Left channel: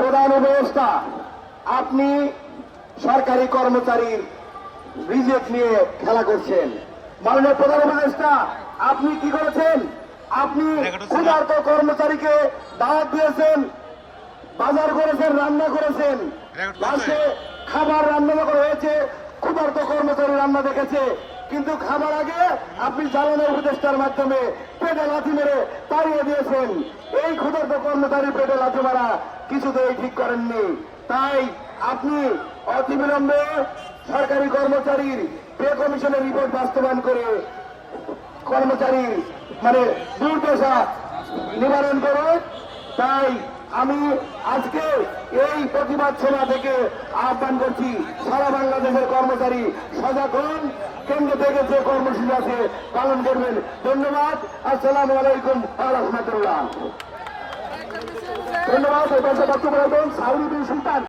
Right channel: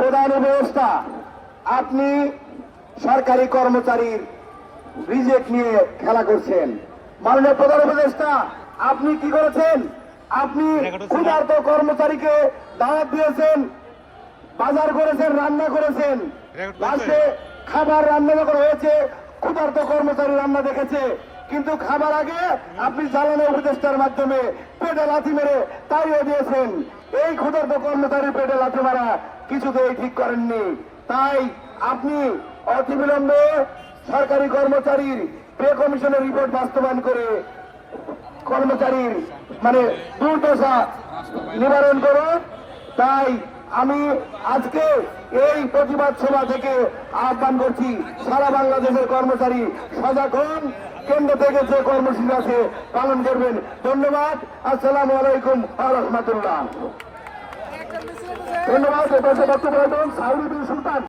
প্রধান উপদেষ্টা, আপনি সরকারি কর্মচারীর রিজেক্ট নিয়ে খেলা করছেন। মাননীয় প্রধান উপদেষ্টা, আপনি কি করেছেন? আপনি ক্ষুধার্ত কর্মচারীকে দাওয়াত দিয়েছেন, বাজার করেছেন, রান্না করেছেন, লাস্টে খাবার রান্না করা হয়েছে, ক্ষুধার্ত কর্মচারী রান্না দেখেছে, কিন্তু খাবার আগে আপনি জ্বালানি উপদেষ্টার মাধ্যমে পেটে লাথি মেরে তাড়িয়ে দিয়েছেন। এই ক্ষুধার্ত কর্মচারী পেটে লাথি মারা কিছুতেই ঠিক করেননি। তাই আপনি অতিবিলম্বে সরকারি কর্মচারীর পে কমিশনের রিপোর্ট বাস্তবায়ন করে কর্মচারীর দুর্দশা নিবারণ করুন। তাই আমি আজকে এই প্রতিবাদ সভা থেকে আহ্বান করছি, সারা বাংলাদেশের কর্মচারী সজাগ হন, কেন্দ্র থেকে যে কর্মসূচি আছে পালন করবেন। ধন্যবাদ। আসসালামু আলাইকুম ওয়া রাহমাতুল্লাহ। ধন্যবাদ। বক্তব্য রাখবেন সাউরি বিন সুলতান।